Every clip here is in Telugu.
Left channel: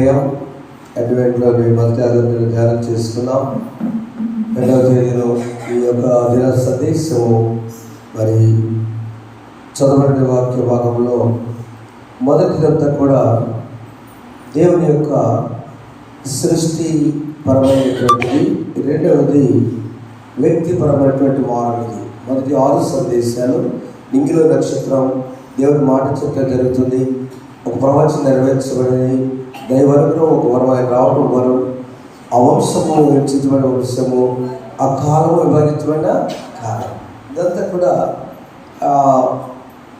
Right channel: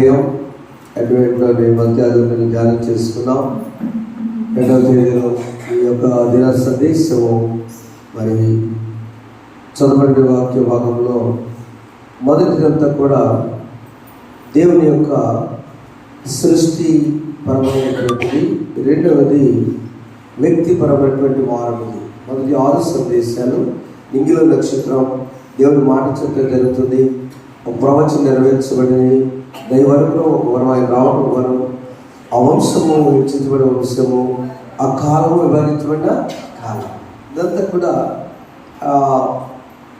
అధ్యాయం అడ్వెంట్లోని మధ్యాహ్నం ధ్యానం చేసుకున్నాం. 2వ తేదీలో ఈ యొక్క దిన సందేశము మరి చదవబడిన వాక్య భాగంలో మొదటిదంతా కూడా దేవుని యొక్క సృష్టి పరమైనటువంటిది, రెండవది వ్యక్తిపరమైనటువంటి వారమిది. మొదటి 6 సందేశాలు నింగిలో నక్షత్రం, దేవుడి మాట చెప్తే జరుగుతుంది, ఒక ప్రవచనం నెరవేర్చబడింది, దైవనుగ్రహం ఒక వరం, ఆయన రావడం వరం, ఆ వంశము హెచ్చించబడిన వంశము, ఆ కాలము వివరించబడిన కాలం. ఇదంతా కూడా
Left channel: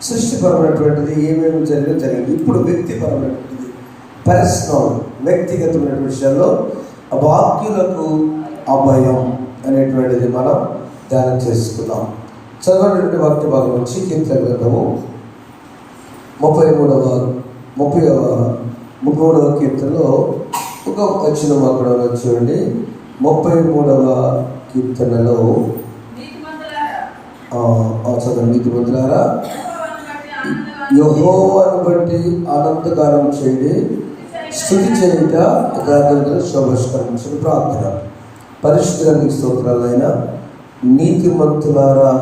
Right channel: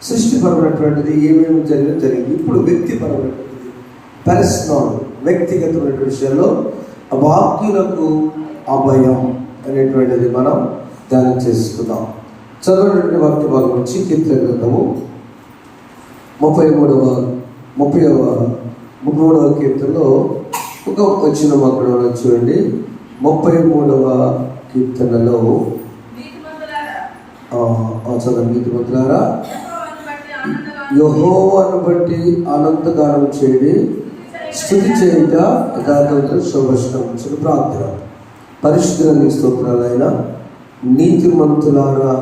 సృష్టిపరమైనటువంటిది, ఏమేమి జరిగింది. ఇప్పుడు వ్యక్తిపరమైనటువంటిది, పర్సనల్, వ్యక్తిగతమైనటువంటి విషయాల్లో అభాగ్యులకు అభయం అనేటువంటిది మనం ధ్యానం చేసుకుందాం. చదవటువంటి వాక్య భాగం నుంచి కీర్తన గ్రంథము 33వ కీర్తనలో ఒక వచనం అక్కడ చూడండి. 33వ కీర్తనలో చదవండి. నీతిమంతులారా యెహోవాను బట్టి ఆనందగానం చేయండి, స్తుతి చేయుట యథార్థంగా శోభస్కరించిన ప్రార్థన. పరిశుద్ధునికి స్తోత్రాలైన నీతిమంతులారా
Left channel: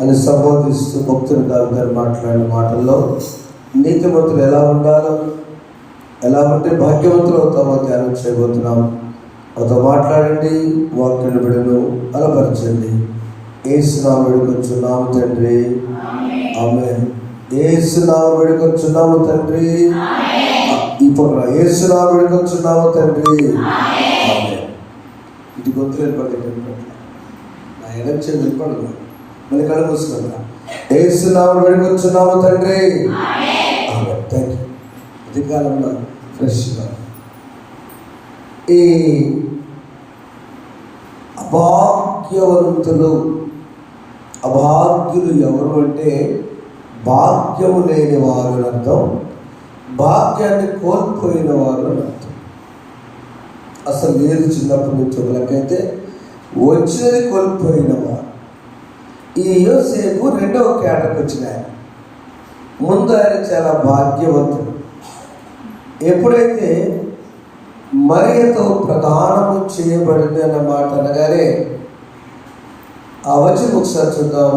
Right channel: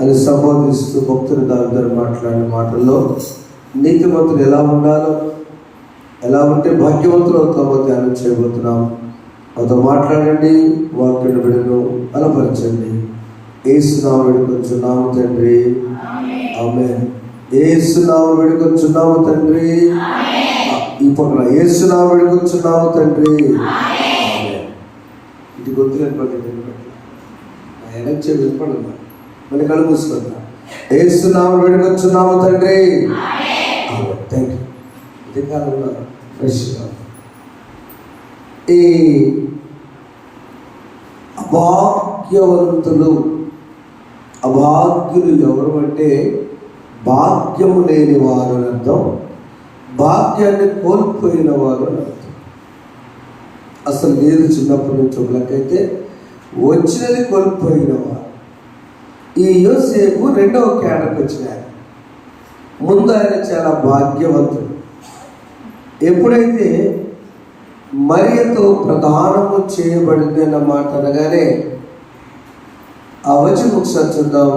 అని సంబోధిస్తూ భక్తులు దావిదారు మాట్లాడిన మాటల్లో నీతిమంతులు ఎలా ఉండాలో, ఎలా ఉంటే భాగ్యవంతులు అవుతామో ధ్యానం చేయబోతున్నాం. మాతో మాట్లాడండి, వాక్యాన్ని బిడ్డను బలపరచండి. యేసు నామమున వేడుకొంచున్నాము తండ్రి, ఆమేన్. యేసు నామమున వేడుకొంచున్నాము తండ్రి, ఈ పక్కన యేసు నామమున వేడుకొంచున్నాము తండ్రి, ఆమేన్. ఇది గొంతులేని పద్ధతి నా ఎనర్జీ వినపడదు, మళ్ళీ కళ్ళు మూసుకుంటా. యేసు నామమున వేడుకొంచున్నాము తండ్రి, ఆమేన్. Thank you. అధికారంలో ఫ్రెష్గా ఈ అభాగ్యులు ఎవరు అంటే భాగ్యము లేని వారు అని అర్థం, భాగ్యాన్ని కోల్పోయిన వారు అని అర్థం. అసలు లేదు చిన్నప్పటి నుంచి ఒకరికైతే వచ్చినది కోల్పోయిన వారు. ఈ యోసేపు 2వ కేటకు వచ్చిన ముందు ఆయన చాలా భాగ్యవంతుడు. ఎప్పుడైతే మరియతో ప్రదానము చేయబడింది అన్న మాట అనగానే ఆ వచనం ఒకసారి చూద్దాం.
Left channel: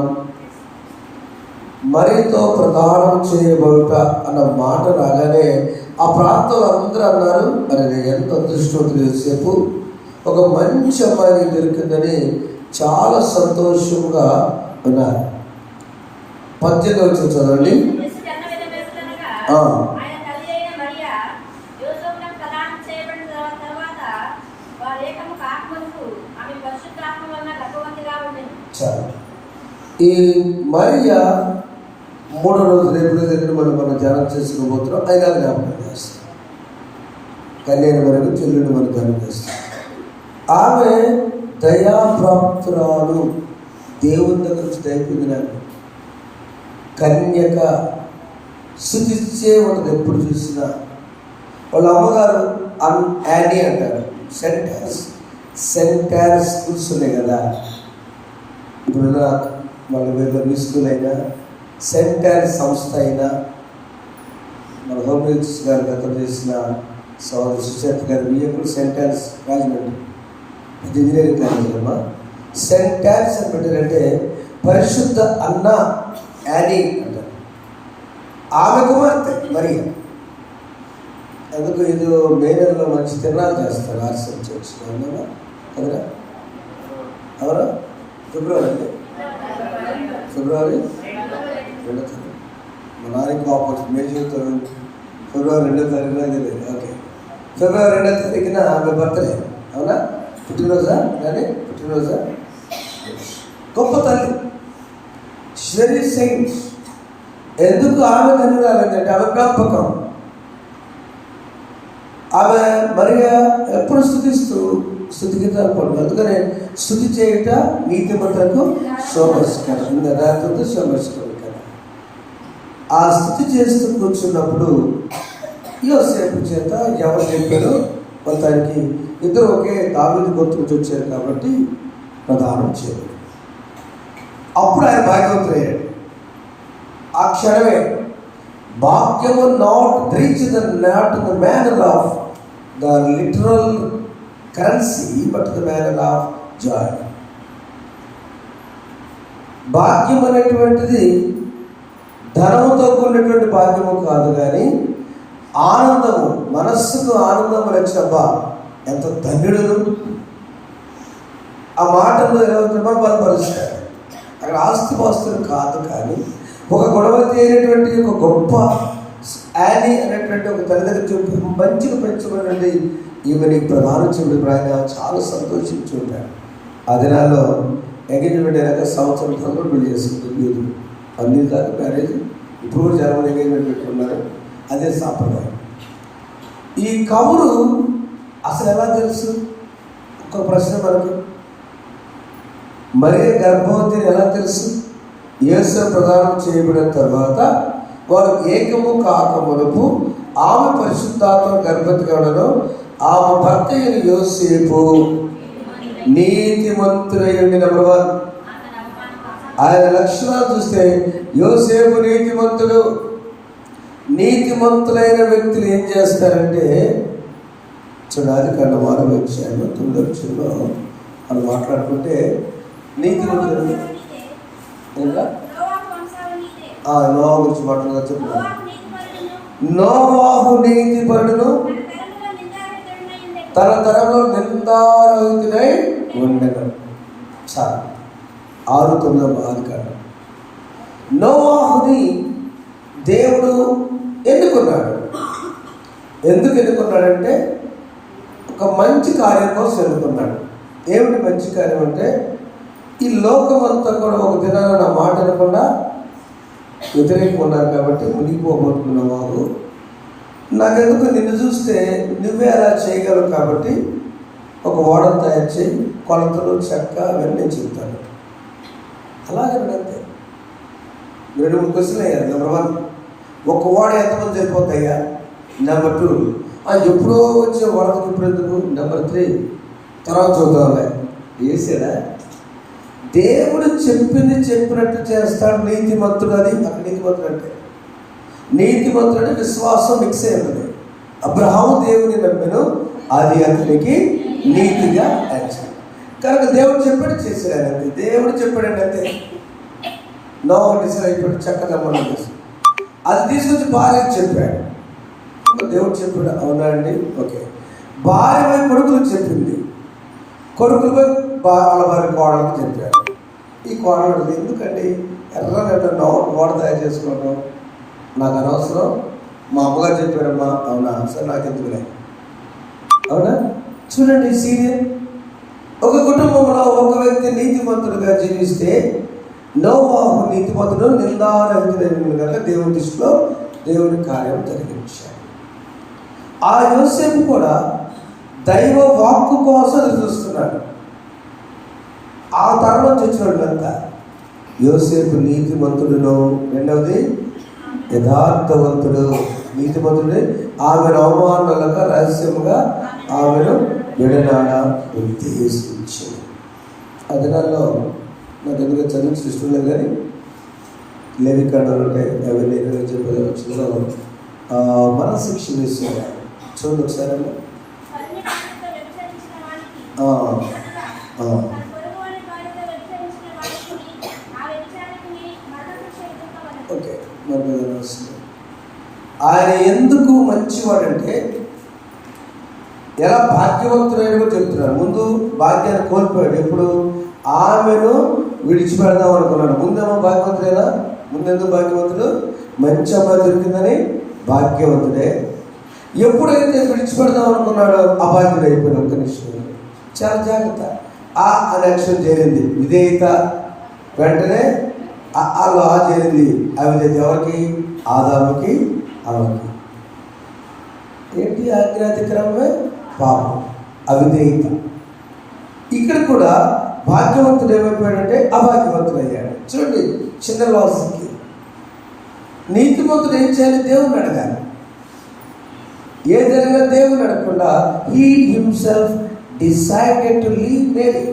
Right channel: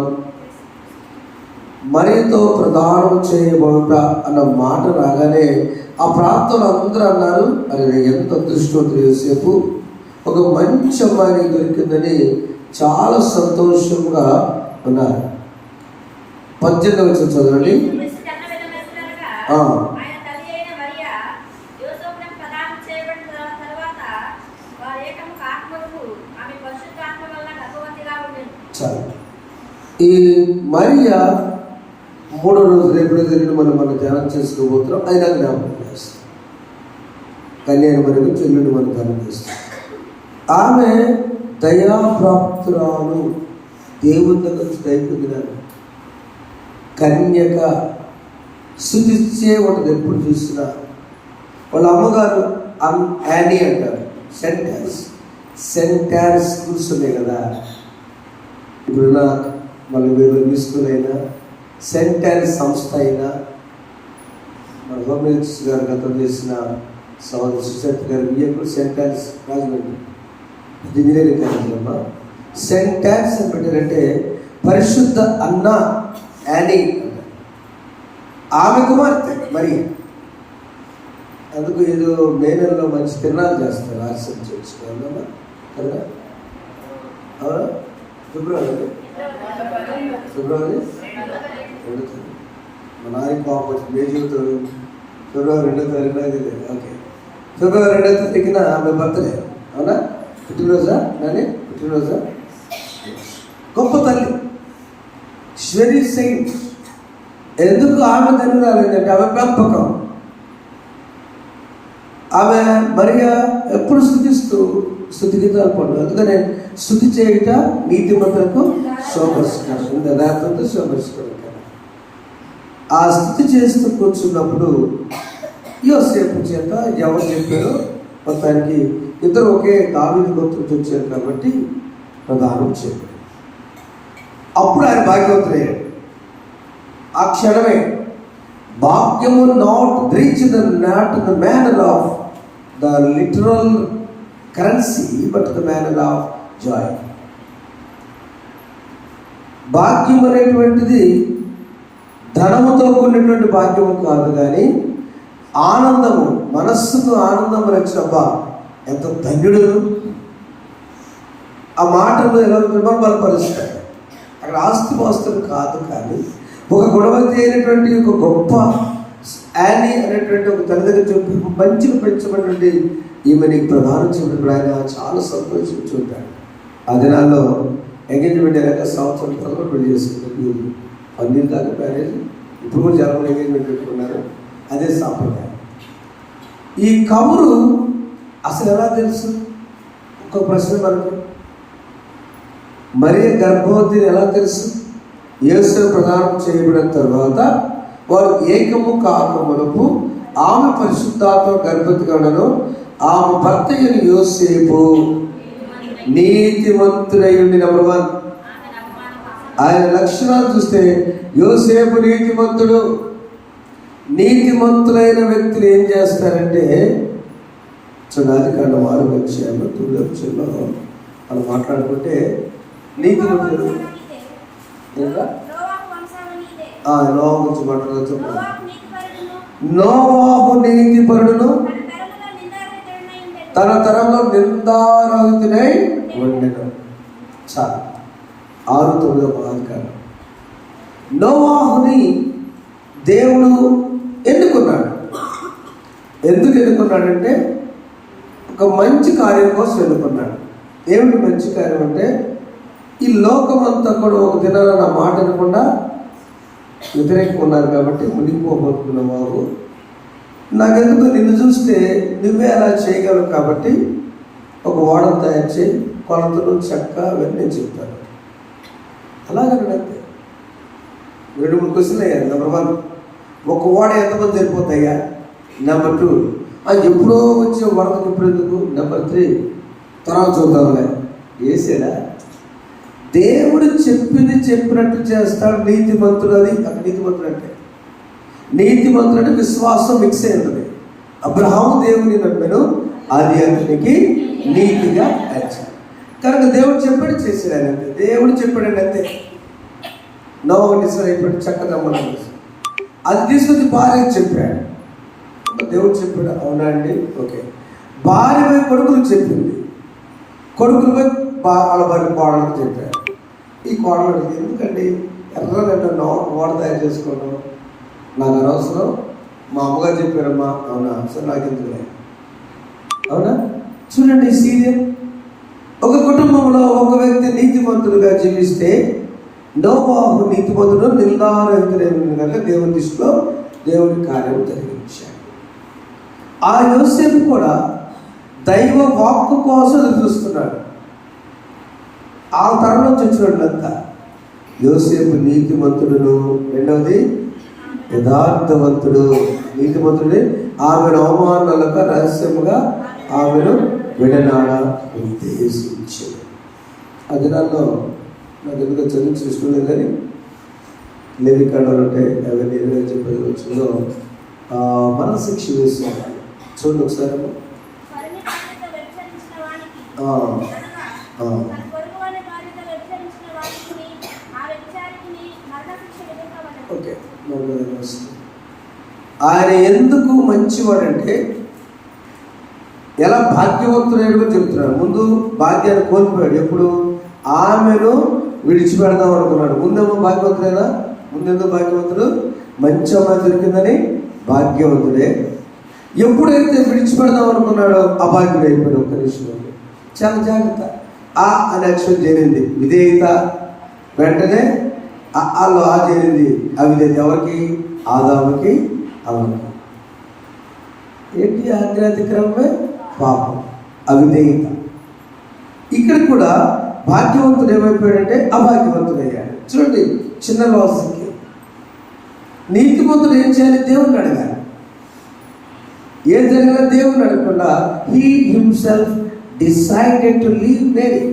మరియతో ప్రదానం చేయబడుట అన్న మాట రాగానే ఆ ప్రాంతంలో అందరూ అన్నారు, అరే ఎంత అదృష్టవంతుడు యోసేపు, ఒక మంచి అమ్మాయి దొరికిందని చాలా సంతోషంగా ఉన్నారు. 18వ వచనం చదవండి. ఈ మరియా 3వ రోజు రేపు మనం ధ్యానం చేసుకోబోతున్నాం. అయినా జ్ఞాపకం చేస్తాం. కళ్యాణ మరుగు చెల్లుడు మనం ధ్యానం చేస్తాం. ఆమె దయాప్రాప్తురాలు, దేవుని దగ్గర నుంచి దయ పొందినాను, కన్యక, స్తుతిచ్చే ఉంటుంది. ఎప్పుడు చూసినా వాళ్ళ అమ్మగారు యానీ అంటారు. సెంటార్ స్కూల్స్ ఉన్నాయి కదా, ఇప్పుడున్న మన వేరే స్కూల్ అయినా, సెంటార్ సంస్థ అయినా, మన హోమ్ మినిస్టర్ గారు గతం చేసిన సోదరు సుశాంత్ గారు బియ్యకుడు సెంటార్స్ రాజమండ్రి ఇంజనీరింగ్ కాలేజ్ అమ్మా. సెంటార్స్ అని పెట్టారంటే పరిశుద్ధ అన్న యానీ అంటారు. ఆమె కుమార్తె మరి. అందుకు ఇది మే నెలలో మంచి తిరణాలు చేస్తారు ఆర్సీ చర్చ్ అమ్మా కదరా. అవునా? ఫిబ్రవరి 2వ తారీఖు. మా నాయకు పాప మే జీవితం ఫిబ్రవరి 2వ తారీఖున తెలియదు. ఓకే, ఫిబ్రవరి 2వ తారీఖున ఆమె బర్త్డే. అవునా? పుట్టినరోజా? కానీ పుట్టినరోజా? గొప్ప తల్లి, వెరీ సెయింట్. ఎందుకు ఆమె ధన్యురాలంటే ఆమె పెంపకం. ఆమె మరియా ఎప్పుడు స్తుతి గీతాలు పడు. అందుకనే స్తుతి చేయుట నీతిమంతులకు శోభస్కరం, యథార్థంతో శోభస్కరం కదా. ఆ స్తుతి చేస్తూ కూర్చున్నప్పుడు యోసేపు చేత ఎవరు చెప్పారో మొత్తానికి ఇద్దరు ఒకే దావీదు గోత్రం నుంచి వచ్చారు కాబట్టి ప్రదానం చేయలేదు. అప్పుడు ఆయన భాగ్యవంతుడయ్యాడు. ఆ క్షణమే భాగ్యము not reach the not the manner of the literal currency but the manner of Joy. భాగ్యం అనేటువంటిది ధనముతో కూడినటువంటి భాగ్యము కాదు, కానీ ఆనందము, మనస్సుకు ఆనందం రక్షబ్బా ఎంత ధన్యుడు. ఆ మాటలు ఎలా బలపరుస్తాడు. అక్కడ ఆస్తిపాస్తులు కాదు, కానీ ఒక గొడవతి అయినటువంటి ఒక గొప్ప యానీ అనేటువంటి ఒక తల్లిదండ్రులు చెప్పి మంచిగా పెంచబడినటువంటి ఈమె నీకు ప్రధానం చెప్పినప్పుడు ఆయన చాలా సంతోషించి ఉంటాడు. ఆ దినాల్లో ఎంగేజ్మెంట్ అయినాక సంవత్సరం తర్వాత పెళ్లి చేసుకుంటారు యూదు. అన్ని దాకా మ్యారేజ్. ఇప్పుడు కూడా జనం ఎంగేజ్మెంట్ పెట్టుకున్నారు, అదే సాంప్రదాయం. ఈ కబురు అసలు ఎలా తెలుసు? ఒక ప్రశ్న మనకు, మరియ గర్భవతిని ఎలా తెలుసు? యేసు ప్రదానం చేయబడిన తర్వాత వారు ఏకము కాకమునపు ఆమె పరిశుద్ధాత్మ గర్భవతి కావడంలో ఆమె భర్త అయిన యోసేపు నీతిమంతుడయ్యండి. నెంబర్ 1 ఆయన లక్షణాలు చూస్తే యోసేపు నీతిమంతుడు. నీతిమంతులైన వ్యక్తులు ఏం చేస్తారంటే, చూడాలి కండ 6వ అధ్యాయంలో 9వ వచనంలో మనం మాట్లాడుకుంటే నీతిమంతుడు నోవా గురించి మాట్లాడుతూ చెప్తాను. నోవాహు నీతిపరుడును తన తరంలో నిందారహితుడై ఉండెను. చాలు 6:9 ఆదికాండం. నోవాహుని దేవుడు ఎన్నుకున్నాడు. ఎందుకు ఎన్నుకున్నాడంటే ఒక మంచి కార్యం కోసం ఎన్నుకున్నాడు. ఏమిటి మంచి కార్యం అంటే, ఈ లోకమంతా కూడా ఒక దినాన నా మాట వినకుండా వ్యతిరేకంగా ఉన్నారు కాబట్టి మునిగిపోబోతున్న వారు, నాకెందుకు నిన్ను చూస్తే నువ్వే అలా చేయగలవు కాబట్టి ఒక ఓడను తయారు చేయి, కొలతలు చెక్క అవన్నీ చెప్తాను. అలాగే అంతే. 2-3 క్వశ్చన్లు అయ్యారు. నెంబర్ 1, ఒక ఓడ ఎంతమంది సరిపోతాయా? నెంబర్ 2, ఎప్పుడో వచ్చే వరదకు ఇప్పుడు ఎందుకు? నెంబర్ 3, తర్వాత చూద్దాంలే. వేసాడా? దేవుడు చెప్పింది చెప్పినట్టు చేస్తాడు. నీతిమంతుడు. అది అక్కడ నీతిమంతుడు అంటే, నీతిమంతుడు అంటే విశ్వాసం మిక్స్ అయింది. అబ్రహాము దేవుని నమ్మెను, అది అతనికి నీతిగా ఎంచాడు. కనుక దేవుడు చెప్పాడు చేశాడు అంతే. దేవుడు చెప్పాడంటే అంతే. నోవా డిసైడ్ అయిపోయాడు, చక్కగా మనం అది తీసుకొచ్చి భార్యకి చెప్పాడు. దేవుడు చెప్పాడు. అవునా అండి? ఓకే. భార్య పోయి కొడుకులకు చెప్పింది, కొడుకులు పోయి వాళ్ళ భార్య కోడలకు చెప్పాడు. ఈ కోడలు ఎందుకండి ఎర్రగడ్డ ఓడ తయారు చేసుకోవడం నాకు అనవసరం, మా అమ్మగారు చెప్పారమ్మా. అవునా? సరే, నాకు ఎందుకులే. అవునా? చూడండి ఈ సీరియల్. ఒక కుటుంబంలో ఒక వ్యక్తి నీతిమంతుడుగా జీవిస్తే నోవాహు నీతిమంతుడు నిందారహితుడైన కనుక దేవుని దృష్టిలో దేవుని కార్యం జరిగించాడు. ఆ యోసేపు కూడా దైవ వాక్కు కోసం చూస్తున్నాడు. ఆ తరంలో చచ్చినట్లంతా యోసేపు నీతిమంతుడును, రెండవది యథార్థవంతుడు. నీతిమంతుడే ఆమెను అవమానాలుగా రహస్యముగా ఆమెను విడనాడ ఉద్దేశించాడు. ఆ దినాల్లో నాకు ఎందుకు చదివించిన ఇష్టం లేదు, కానీ లేవికాండాలు ఉంటాయి, అవన్నీ చెప్పేదో మనశిక్ష వేస్తున్నారు. చూడండి ఒకసారి. ఓకే. ఆయన ఎందుకు మంచివాడంటే, ఎలా భాగ్యవంతుడైనగా చెబుతున్నాడు. ముందు భాగ్యాన్ని కోల్పోయాడు. ఎప్పుడు? ఆమెను విడిచిపెడదాం అనుకున్నాడు. ముందేమో భాగ్యవంతుడైనా, ముందెందుకు భాగ్యవంతుడు? మంచి అమ్మాయి దొరికిందని భాగ్యవంతుడే. ఎప్పుడైతే విడిచిపెడదాం అనుకున్నాడో అభాగ్యుడు అయిపోయాడు. ఒక్క నిమిషం, చాలా జాగ్రత్త. ఆ అని అక్షరం చేరింది విధేయత, వెంటనే అల్లో ఆ చేరింది అవిధేయత. ఎవరికి? ఆదాముకి, అవ్వకి. ఏంటి? ఆజ్ఞాతిక్రమమే పాపం, అవిధేయత. ఇక్కడ కూడా భాగ్యవంతుడు ఏమైపోయాడంటే అభాగ్యవంతుడు అయ్యాడు. చూడండి, చిన్న వాసుకి నీతిమంతుడు ఏం చేయాలి? దేవుణ్ణి అడగాలి. ఏం జరిగినా దేవుణ్ణి అడగకుండా he himself decided to leave Mary,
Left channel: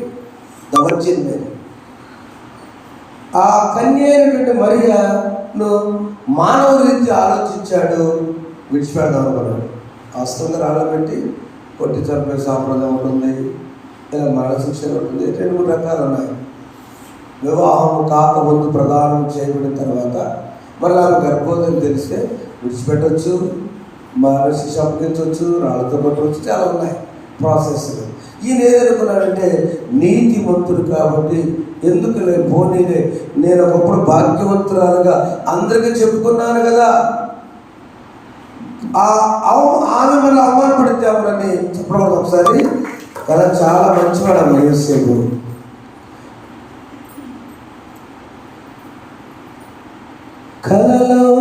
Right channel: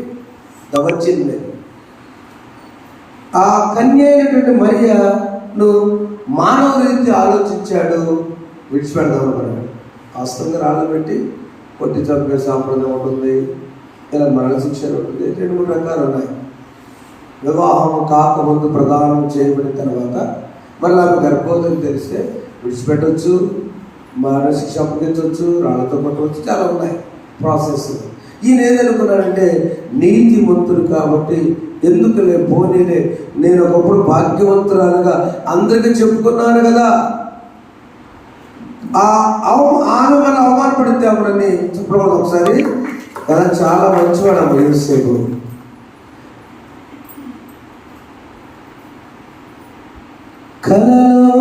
the virgin Mary. ఆ కన్య అయినటువంటి మరియను మానవ రీతి ఆలోచించాడు, విడిచిపెడదాం అనుకున్నాడు. వాస్తవంగా రాళ్ళ పెట్టి కొట్టి చంపే సాంప్రదాయం ఉంటుంది, ఇలా మరణశిక్ష ఉంటుంది. 2-3 రకాలు ఉన్నాయి. వివాహం కాకముందు ప్రదానం చేయబడిన తర్వాత మళ్ళీ ఆమె గర్భవతిని తెలిస్తే విడిచిపెట్టవచ్చు, మరణశిక్ష అప్పగించవచ్చు, రాళ్ళతో కొట్టవచ్చు, చాలా ఉన్నాయి ప్రాసెస్. ఈయన ఏదనుకున్నాడంటే నీతిమంతుడు కాబట్టి ఎందుకులే పోనీలే, నేను ఒకప్పుడు భాగ్యవంతురాలుగా అందరికీ చెప్పుకున్నాను కదా, ఆమె మన అవమానపడితే అప్పుడని చెప్పడం ఒకసారి కదా. చాలా మంచివాడు ఆమె యోసేపు. కలలో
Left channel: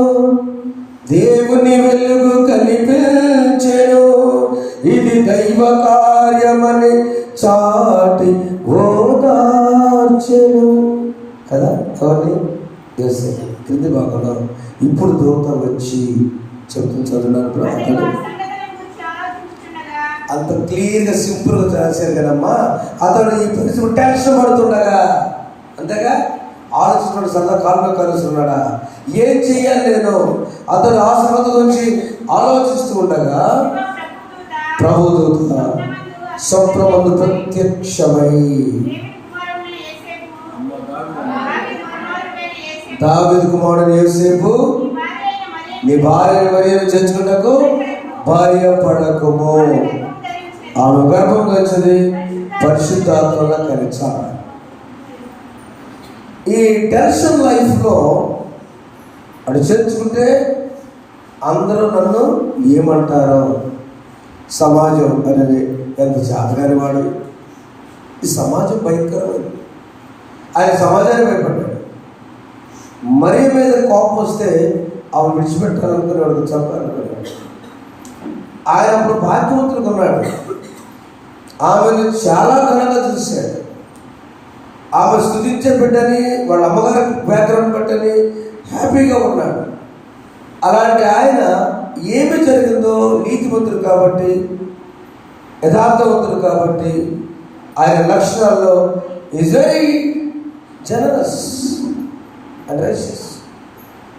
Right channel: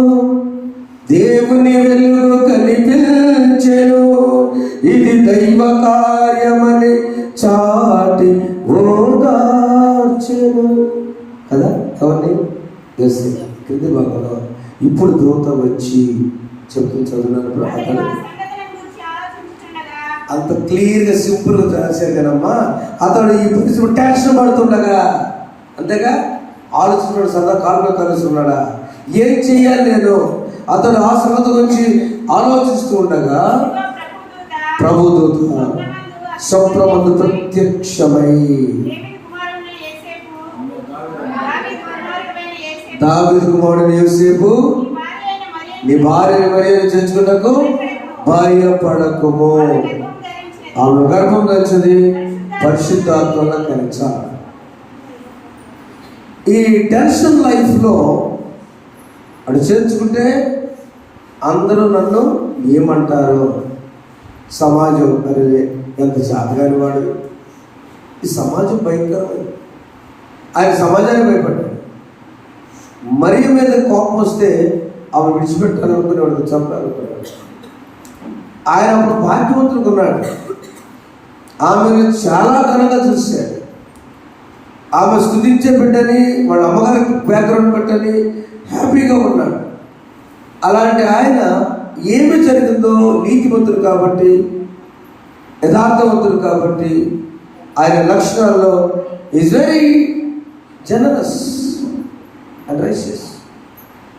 దేవుని వెలుగు కనిపించెను, ఇది దైవ కార్యమని చాటి ఓదార్చెను కదా. అవన్నీ యోసేపు క్రింది భాగంలో. ఇప్పుడు దూత వచ్చి చెప్తుంది, చదువున్నప్పుడు అతను అంత క్లియర్గా సింపుల్గా రాశారు కదమ్మా. అతడు ఈ పరిస్థితి టెన్షన్ పడుతుండగా, అంతేగా ఆలోచిస్తున్నాడు, సదా కాలులో కలుస్తున్నాడా, ఏం చెయ్యాలి నేను, అతడు ఆ శ్రద్ధ గురించి ఆలోచిస్తూ ఉండగా ప్రభుదూత స్వప్నమందు ప్రత్యక్షమై దావీదు కుమారుడైన యోసేపు, నీ భార్య మరియను చేర్చుకున్నకు భయపడకుము, ఆమె గర్భం ధరించింది, పరిశుద్ధాత్మలో కలిగించాలి. ఈ టెన్షన్ లైఫ్లో అటు చేర్చుకుంటే అందరూ నన్ను ఏమంటారో, సమాజం అనేది ఎంత చేతగాని వాడు, ఈ సమాజం భయంకరమైంది. ఆయన సమాజాన్ని భయపడ్డాడు. మరియ మీద కోపం వస్తే ఆమె విడిచిపెట్టాలనుకునేవాడు, చెప్పాలనుకునేవాడు. ఆయన అప్పుడు భాగ్యవంతుడు కొన్నాడు, ఆమెను చాలా ఘనంగా చూశాడు. ఆమె స్తుతించే బిడ్డని, వాళ్ళ అమ్మగారి బ్యాక్గ్రౌండ్ బట్టని హ్యాపీగా ఉన్నాడు. అలాంటి ఆయన ఏమి జరిగిందో, నీతివంతుడు కాబట్టి, యథార్థవంతుడు కాబట్టి, ఆయన లక్షణాల్లో is very generous and righteous.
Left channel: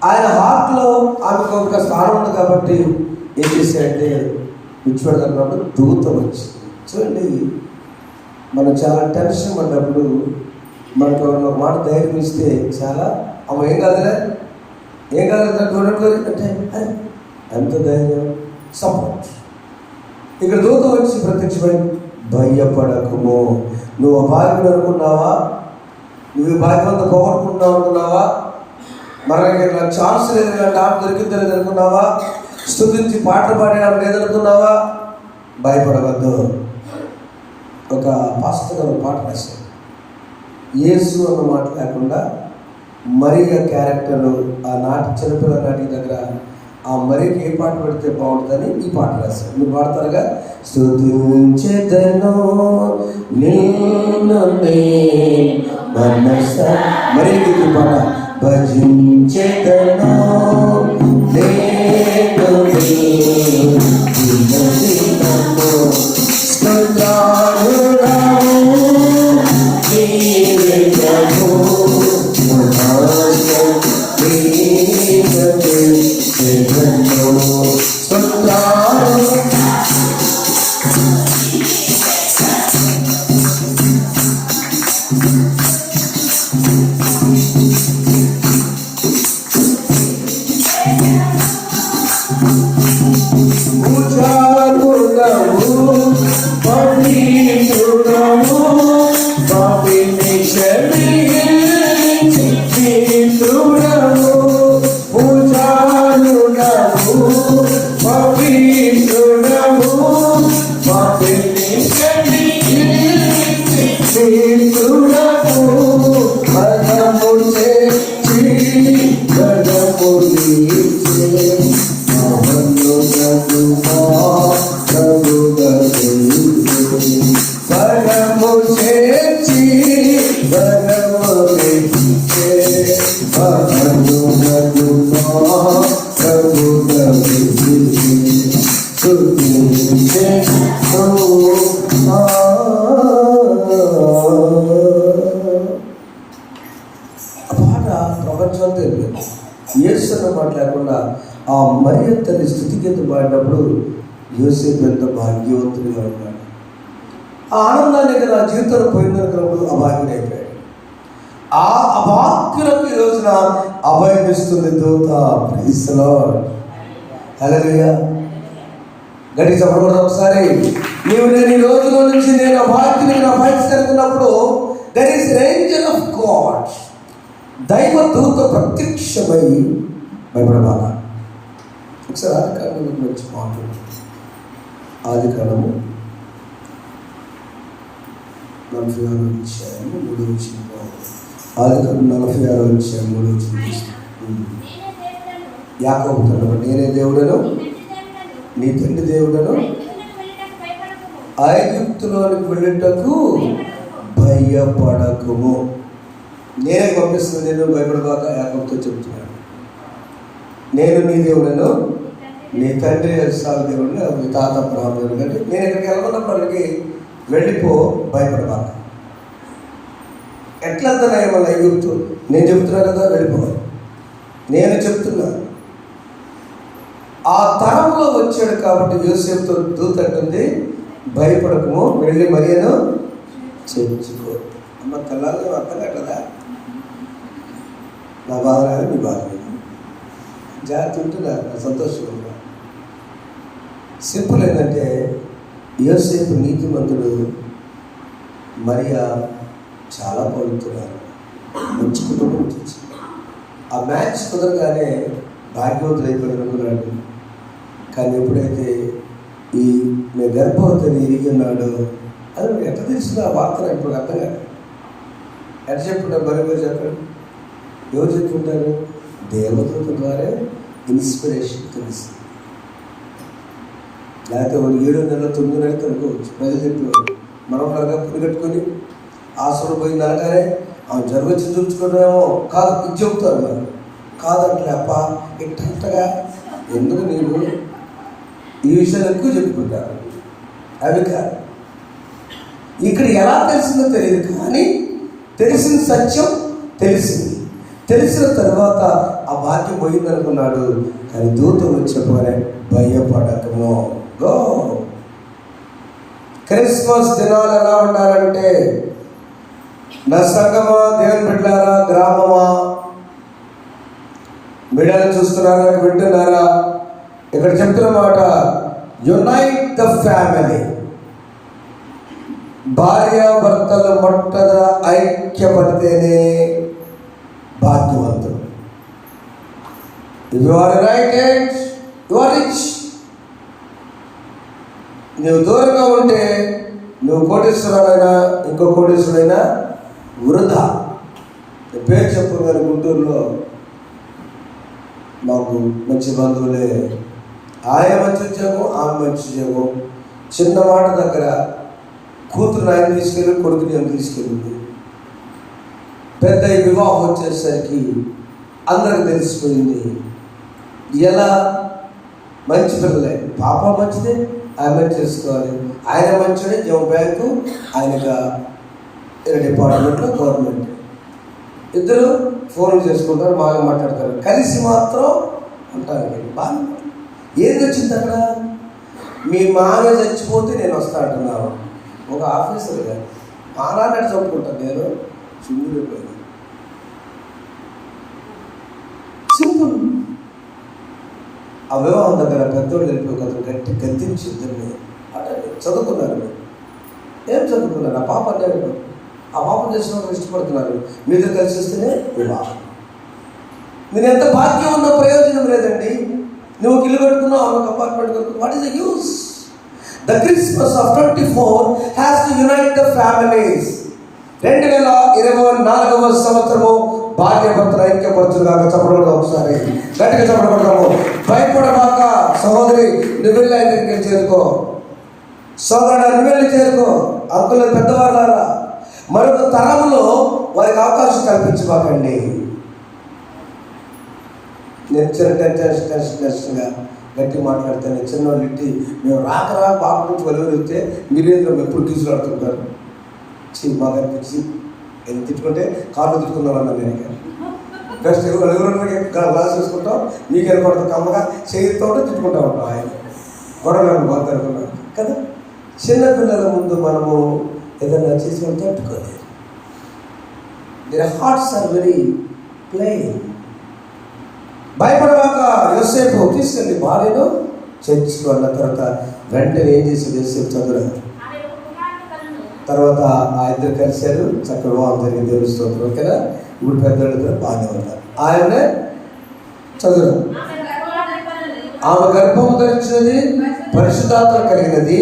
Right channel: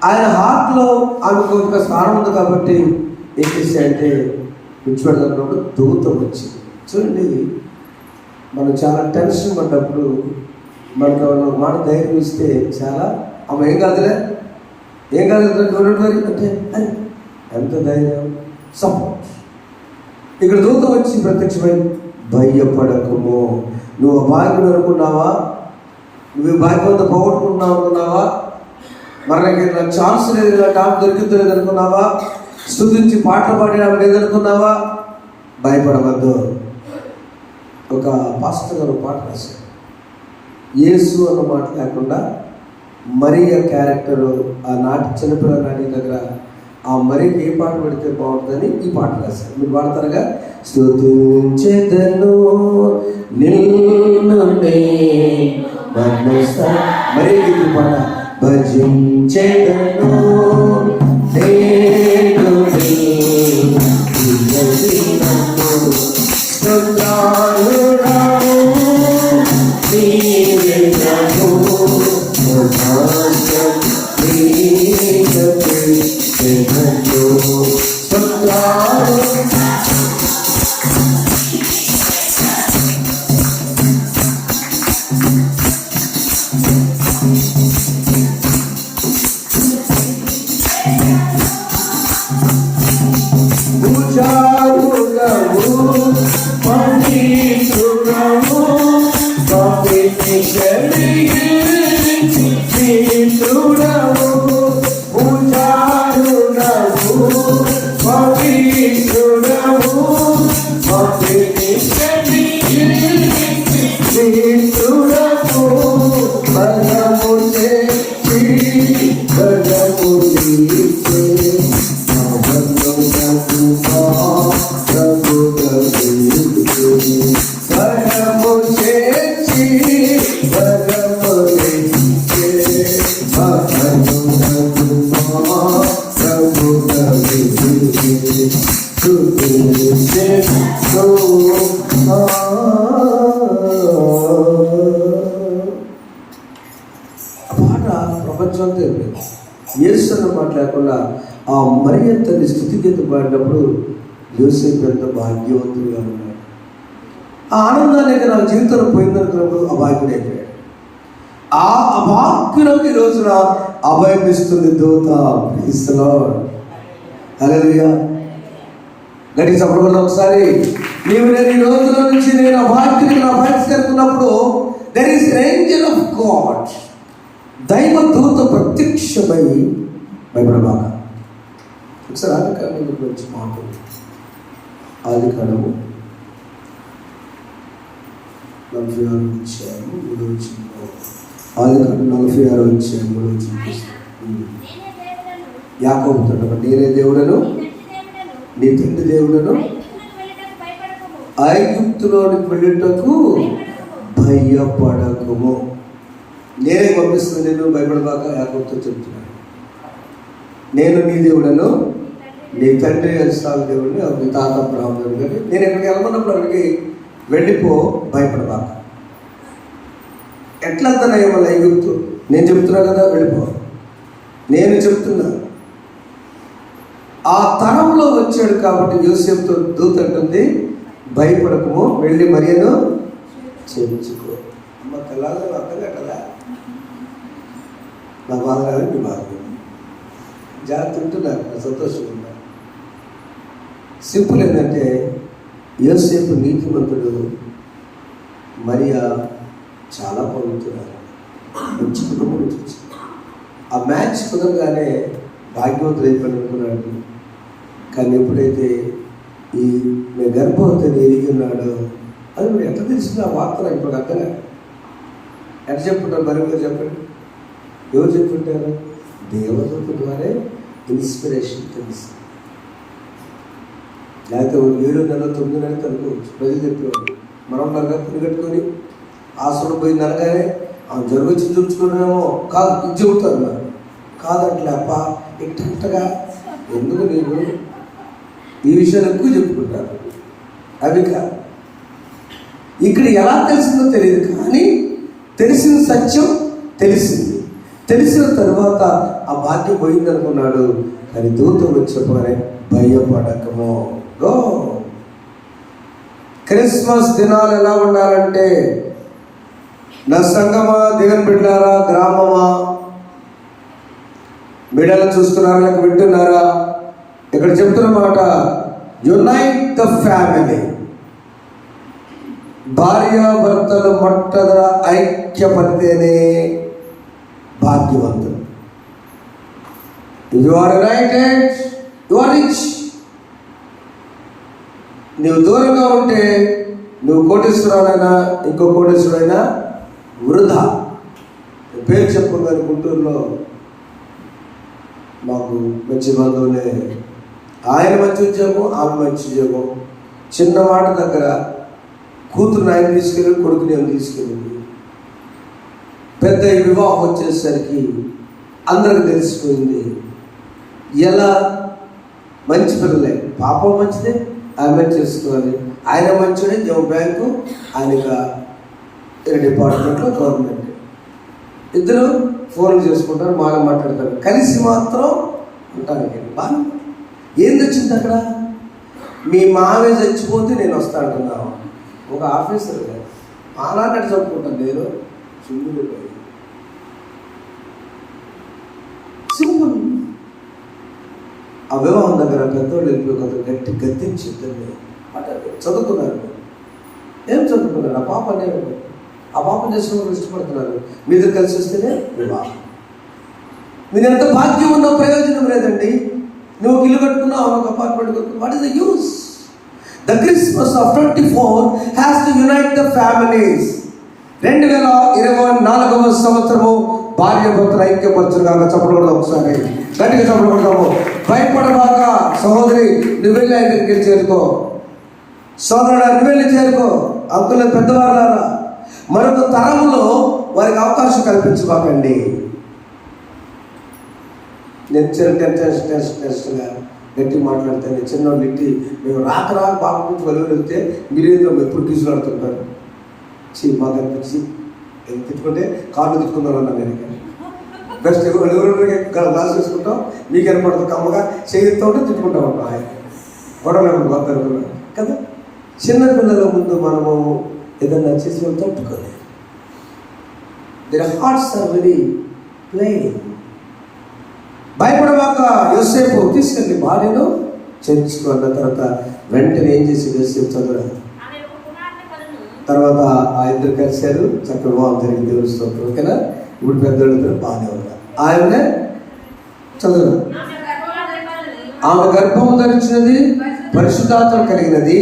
ఆయన హార్ట్లో ఆమెకు ఒక స్థానం ఉంది కాబట్టి ఏం చేశాడంటే విడిచిపెడుతున్నప్పుడు దూత వచ్చింది. చూడండి, మనం చాలా టెన్షన్ పడ్డప్పుడు మనకు ఒక మాట ధైర్యం ఇస్తే చాలా, ఆమె ఏం కాదులే చూడండి అంటే అది ఎంత ధైర్యం, సపోర్ట్. ఇక్కడ దూత వచ్చి ప్రత్యక్షమై భయపడకుమో, నువ్వు అభాగ్యం అనుకున్నావా, నువ్వు భాగ్యవంత పోగొట్టుకుంటున్నావు అనుకున్నావా, మనకి నాకు ఛాన్స్ లేదు, టాప్ దొరికిందో లేదు అనుకున్నావా, స్తుతించి పాటలు పాడడం లేదనుకున్నావా, భయపడవద్దు. ఒక పాస్టర్ గారు పాట రాశారు, యేసు అన్న మాట లేకుండా మరియ క్యారెక్టరు ఆనాటి చిన్నపిల్లల నాటి దగ్గర ఆ మరియకి ఏ పాట పెడితే బాగుంటుందని ఈ పాట రాశారు. మీరు పాడతారుగా, స్తుతించెదను నిన్ను మనసా, మరియకి ఈ పాట, భజించెదను ప్రపంచం తెలియదు. యేసు అన్న మాట లేకుండా ఆ మరియ తల్లి స్థుతిగీతం పాడినప్పుడు యోసేపు ఎంత భాగ్యవంతుడిగా ఉన్నాడు. ఆ ఆనందానికి నా జీవితంలో పోయిందనుకున్నప్పుడు అభాగ్యుడైపోయాడు. ఆ అభాగ్యులకు ఈ రోజున అభయం ఇస్తుంది దూత. Praise the Lord. హల్లెలూయా. గట్టి చెప్పకూడదు ఒకసారి. నీవు నేను ఈ రోజుల నుంచి నేను అభాగ్యునికి నా అభయస్తున్నప్పుడు there is angel of God, దైవ దూత ప్రత్యక్షమై భయపడబాక. ఒకసారి ఆదికాండం గురించి మాట్లాడు. ఆదికాండము 46 అధ్యాయము 3వ వచనంలో. ఆదికాండం 46 అధ్యాయం 3వ వచనం. యాకోబుతో నేనే దేవుడను నీ తండ్రి దేవుడను ఐగుప్తులోనికి వెళ్ళుటకు భయపడకుము. నేనే పంపిస్తుంది, నేను భయపడబాక యాకోబుతో చెప్తున్నాను. నేను నీ దేవుడను నీ తండ్రి ఇస్సాకు దేవుడిని, మీ తాత అబ్రహాము దేవుడు. కానీ నేను ఇక్కడికి వెళ్ళమన్నప్పుడు అక్కడికి వెళ్ళిపో, భయపడబాక. ఎట్లా వెళ్తానయ్యా మళ్ళీ ఐగుప్తు? నేను చెప్తున్నా కదా, వెళ్ళిపో. నేను చెప్తున్నా. ఆ తరంలో వచ్చాడు కాబట్టి యోసేపుతో దూత అంటుంది, భయపడకము, వెళ్ళి మరియను చేర్చుకో. అమ్మ తెల్లాలి అర్థం కదా. నా బాధ కాదు, మీ బాధ కాదు. జాగ్రత్త ఉంటున్నారు, సంతోషంగా ఉంటారు. సింపుల్ ఏంటంటే యోసేపు నీతిమంతుడు, మరియా చాలా పవిత్రురాలు, మంచి కుటుంబం నుంచి వచ్చింది. ఆ మ్యాచ్ కుదరగానే భాగ్యవంతుడు అయిపోయాడు అనుకున్నాడు. కానీ ఎప్పుడైతే ఈ నేను గర్భవతిని ఎరిగి ఉన్నాడు అది ఎట్లా తెలిసిందో ఆ వార్త ఇప్పుడు అర్థం కాదు. ఎట్లా చెప్పుకుంటారు? మరి చెప్పాడు. ఎవరు చెప్పుకుంటారు? దేవదూత ద్వారా ఇన్స్పిరేషన్ తెలుస్తుంది. లేకపోతే 7 నెలలు 9 నెలలు అనుకోవచ్చు. ప్రజలు చెప్పేవాడు మనం లాగా పుని కట్టుకొని ఆశ్రమం పోయింది అనగానే జరగచ్చి చూపించుకోవడమేమో కాదు, ఇది చెబుతారు. మరి కాదంటే అప్ప ఇట్టగా ఎందుకు నీవు ఈ విషయాలు ఎక్కువ చెప్పుకుంటారు. అవి కాదు. ఇక్కడ ఎలా తెలిసిందో తెలియదు, కానీ తెలిసిన సత్యం తెలిసింది. తెలిసిన తర్వాత ఆ భాగ్యం పోయిందనుకున్నాడు. కానీ దూతం వచ్చేప్పుడే భయపడకము. గో. క్రిస్మస్ దినాలు ఎలా ఉండాలంటే, నా సంగమా, దేవుని బిడ్డలారా, గ్రామమా, బిడ్డలను చూస్తున్నారా, లేక వింటున్నారా? ఇక్కడ చెప్తున్న మాట, యునైట్ ద ఫ్యామిలీ. భార్యాభర్తలు మొట్టమొదట ఐక్యపడితేనే భాగ్యవంతుడు. You are united, you are rich. నువ్వు దూరంగా ఉంటే నువ్వు కోటేశ్వరుడైనా ఇంకో కోటేశ్వరుడైనా వృధా. పేరు చెప్పు. కానీ గుంటూరులో మాకు మంచి బంధువులే. ఆయన మంచి ఉద్యోగం, ఆమె మంచి ఉద్యోగం. చిన్న మాట దగ్గర కూతురు ఆయన తీసుకెళ్ళి, కొడుకు నేను తీసుకెళ్ళింది. పెద్ద వివాహం వచ్చేసరికి అందరికి తెలిసిపోయింది. ఎలా మంచి పిల్లలే, పాప మంచిదే, ఆమె చేసుకోవాలి. ఆయన మంచిదే, జమ బ్యాంకు, ఆయనగా డిపార్ట్మెంట్లో గవర్నమెంట్. ఇద్దరు ఫోన్లు చేసుకుంటారు, బాగా మాట్లాడతారు, కలిసి మాత్రం ఉంటాను. బాగా ఏంది వచ్చింది అక్కడ? మీ మామే చచ్చిపోతే నేను వస్తా అంటున్నాను. ఒక ఆఫీసర్ గారు మాలాంటి చెప్పుకుంటాను నేను. Simple simple. ఆ వివాహం దగ్గర పెద్దోళ్ళు వెళ్ళిపోయి గట్టి గద్దించిద్దని అంటే చదువుకున్నారు. ఏం చదువుకున్నారు? ఆ పాప అనేది ఆ పాపం చేసిన వాళ్ళు ఇష్టపడుతున్నారు. మీరు కలిసి వస్తేనే వివాహం. నేను ఎంత భాగ్యం ఉన్న ప్రయోజనం లేదండి. నువ్వు ఇల్లు కట్టుకున్నావు, ఒక అపార్ట్మెంట్ కట్టుకున్నావు. What is the use? The Christmas of 24 has to unite the families. 2024వ సంవత్సరము భార్యాభర్తలు ఐక్యపరచుగాక. చెప్పడం ఒకసారి గట్టిగా చెప్పబడతాము. భయపడబాక సహోదరి, నువ్వు వెళ్ళి ఆయన దగ్గరికి చేరుకో. సోదరుడు, నువ్వు వెళ్ళి చేరుకో. అంకుల పెద్దవాళ్ళారా, మరొక తరంలో వారికి అవకాశం కల్పించబాకండి. నేను టెన్షన్గా గట్టి మాట్లాడితే చిన్నోళ్ళు ఇంటి మేము రాకరా బాబు నుంచి వెలువరిస్తే మీరేదో ఎప్పుడు తీసుకులాడుతుంటారు. మాకు అనిపించి తిట్టుకుంటే కార్లు తిట్టుకున్నాను అన్నాను. నేను నెక్స్ట్ ఎవరికి గ్లాస్ వేసుకుంటాం, మీకు ఏర్పడుతుంది కమ్మగా చేతితో తిట్టుకుంటా ఉంటాం. ఆయన గొడవలు పోతారుకున్నాం కదా. చిన్నపిల్లల ముందు మనము ఏదన్నా చేసి మనం తట్టుకోలేదు. Their hearts are very plain. భయపడవాక యోసేపు తీసుకెళ్ళి భార్యను చర్చికి అన్న తర్వాత వెంటనే ఏం చేసేది యోసేపు చదువు. తర్వాత ఆ ఇద్దరు కలిశారు, చక్కగా వివాహం జరిగింది, దేవుని స్తోత్రం. ఓకేనా. ఇప్పుడు పెద్దవాళ్ళిద్దరు బాగానే ఉంటారు. ఆయన చదువు. ఆమె గర్భం ధరించినది పరిశుద్ధాత్మ కలిగినది,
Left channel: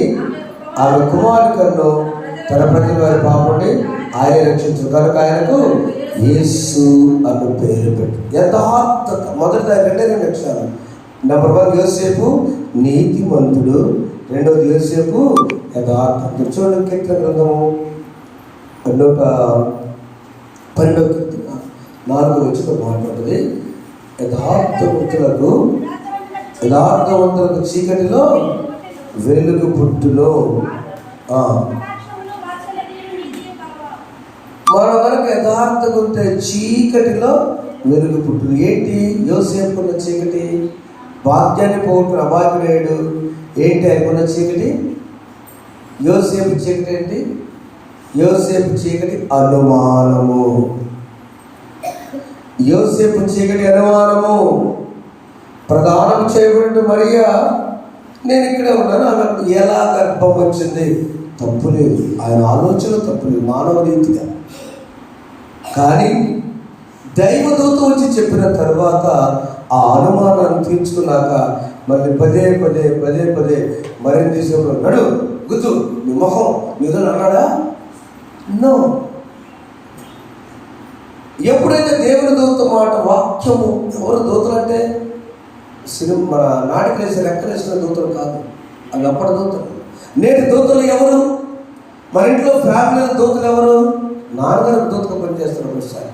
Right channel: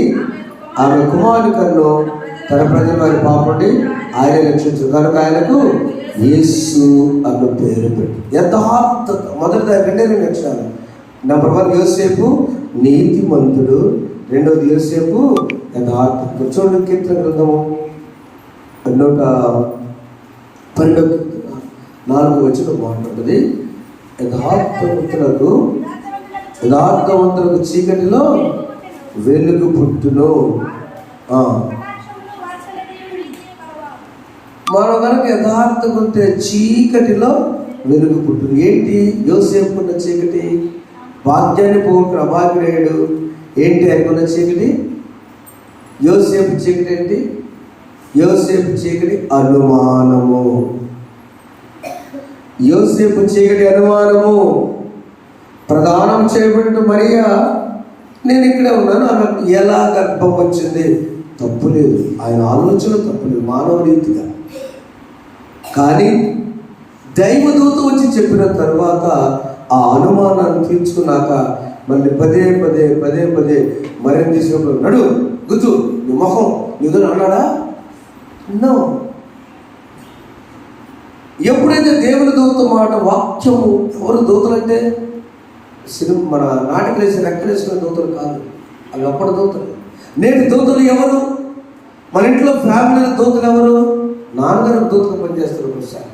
ఆమె కుమారుని కన్ను తన ప్రజల వారి పాపండి ఆయన రక్షించు కనుక ఆయనకు యేసు అన్న పేరు పెట్టు. యథార్థత మొదటి రెండే లక్షణాలు. నెంబర్ 1 యోసేపు నీతిమంతుడు, రెండవది యోసేపు యథార్థం. చూడండి కీర్తన గ్రంథము 112 మాట్లాడుతుంది. యథార్థవంతులకు చీకటిలో వెలుగు పుట్టులో. మనం కనుక యథార్థంగా ఉంటే చీకటిలో వెలుగు పుట్టును. ఏంటి యోసేపుకున్న చీకటి? భాగ్యాన్ని పోగొట్టుకున్న అభాగ్యుడేడు. ఏంటి ఆయనకున్న చీకటి? యోసేపు చీకటి ఏంటి? యోసేపు చీకటి అనుమానము. యోసేపు చీకటి అనుమానము. ప్రదానం చేయబడిన మరియా నేను ఇక్కడే ఉన్నాను, ఆమె ఎలా గర్భం వచ్చింది? తప్పులేదు, ఆయన ఆలోచన తప్పులేదు మానవ రీతిగా. కానీ దైవదూత వచ్చి చెప్పిన తర్వాత ఆ అనుమానాన్ని తీర్చుకున్నాక మళ్ళీ పదే మరిన్ని తీసుకున్నాడు. నడు గుర్తు నీ మొహం నిధులు అన్నాడా? నో. ఎప్పుడైతే దేవుని దూత మాట వాక్యము, ఎవరు దూతలు అంటే మన నాటికి వేసి రెక్కలేసుకునే దూతలు కాదు, అవి అప్పటి దూతలు. నేటి దూతలు ఎవరు? మన ఇంట్లో ఫ్యామిలీలో దూతలు ఎవరు? నాన్నగారికి దూతగా పనిచేస్తారు ఒకసారి,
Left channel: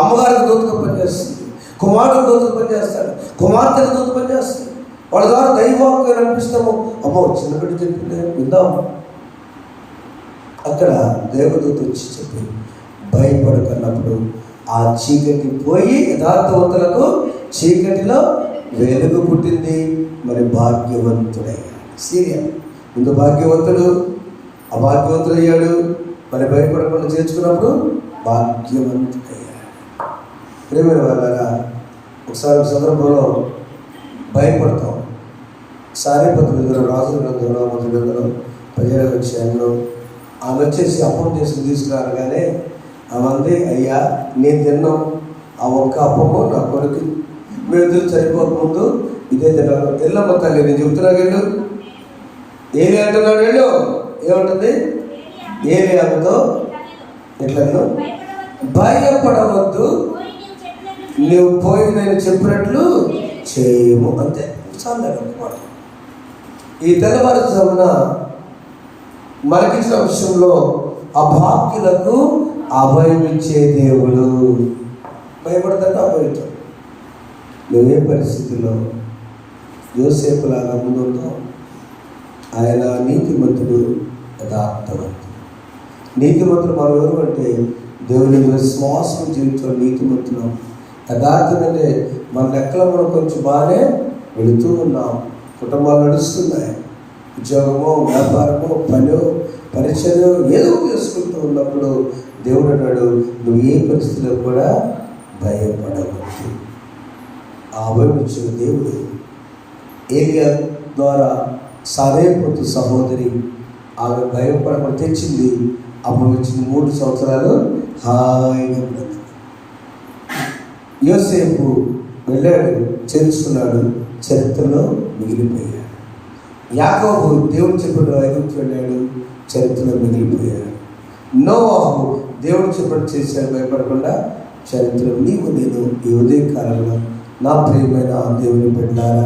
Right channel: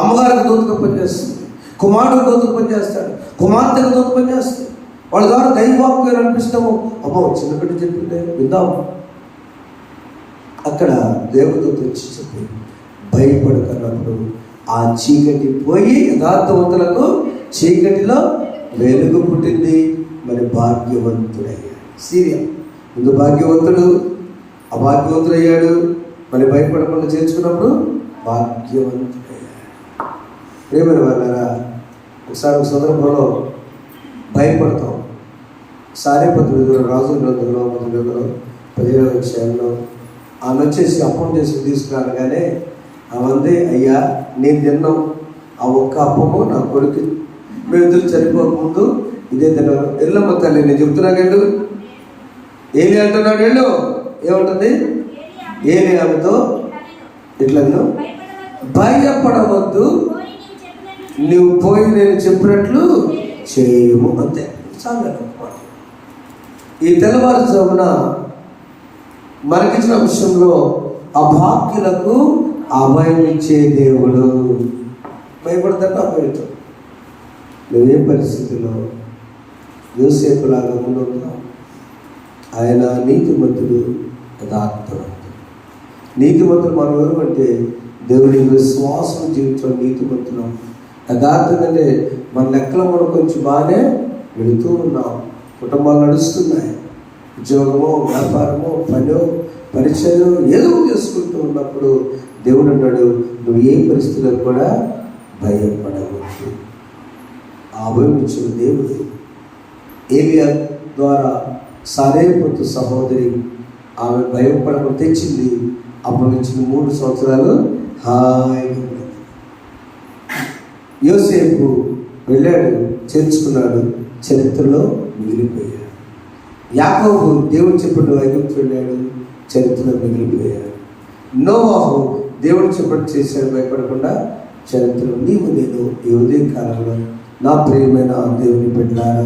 అమ్మగారికి దూతగా పనిచేస్తుంది, కుమారుడికి దూతగా పనిచేస్తాడు, కుమార్తెకు దూత పనిచేస్తాడు. వాళ్ళ ద్వారా దైవవాక్యం అనిపిస్తాము. అమ్మో చిన్న బిడ్డ చెప్పిందే విందాం. అక్కడ దేవదూత వచ్చి చెప్పి భయపడకన్నప్పుడు ఆ చీకటి పోయి యథార్థవంతులకు చీకటిలో వెలుగు పుట్టింది. మరి భాగ్యవంతుడయ్యాడు. సీరియా ముందు భాగ్యవంతుడు, అభాగ్యవంతుడయ్యాడు. మరి భయపడకుండా చేర్చుకున్నప్పుడు భాగ్యవంతుడయ్యాడు. ప్రేమైన వాళ్ళారా, ఒకసారి ఒక సందర్భంలో భయపడతాం. సారేపతి దగ్గర రాజుల గ్రంథంలో 17వ అధ్యాయంలో ఆమె వచ్చేసి అప్పం చేసి తీసుకురాగానే ఆమె అయ్యా నేను తిన్నాం ఆ ఒక్క అప్పము నా కొడుకు మేదులు చనిపోకముందు ఇదే తిన్నాను. వెళ్ళమ్మ తల్లి నేను చెబుతున్నా వెళ్ళు. ఏలి అంటున్నాడు వెళ్ళు. ఏముంటుంది? ఏలి ఆమెతో ఇట్లా భయపడవద్దు, నువ్వు పోయి నేను చెప్పినట్లు చేయము. అంతే, చాలా. ఈ తెల్లవారుజామున మనకిచ్చిన విషయంలో అభాగ్యులకు అభయం ఇచ్చే దేవుడు. భయపడతాడు, అభయం. నువ్వే పరిస్థితిలో యోసేపులాగా ముందుంటావు. ఆయన నీతిమంతుడు, యథార్థవంతుడు. నీతిమంతుడు మనం ఎవరు అంటే దేవుని విశ్వాసం జీవితంలో నీతిమంతులు. యథార్థం అంటే మన లెక్కలో మనం కొంచెం బాగానే వెళుతూ ఉన్నాం, కుటుంబాలు నడుస్తున్నాయి, ఉద్యోగమో వ్యాపారమో పనో పరిచయం ఏదో చేసుకుంటూ ఉన్నప్పుడు దేవుడు అన్నాడు నువ్వు ఏ పరిస్థితిలో కూడా భయపడవద్దు. అభయం ఇచ్చిన దేవుడు ఏలియా ద్వారా సారేపొత్తు సహోదరి ఆమె భయపడకుండా తెచ్చింది. అభయం ఇచ్చిన 3 సంవత్సరాలు హాయిగా ఉన్నది. యోసేపు వెళ్ళాడు, చేర్చుకున్నాడు, చరిత్రలో మిగిలిపోయాడు. యాకోబు దేవుడు చెప్పిన ఐగుప్తు వెళ్ళాడు, చరిత్రలో మిగిలిపోయాడు. నోవాహు దేవుడు చెప్పిన చేశాడు, భయపడకుండా చరిత్రలో. నీవు నేను ఈ ఉదయకాలంలో నా ప్రియమైన దేవుని పెట్టారా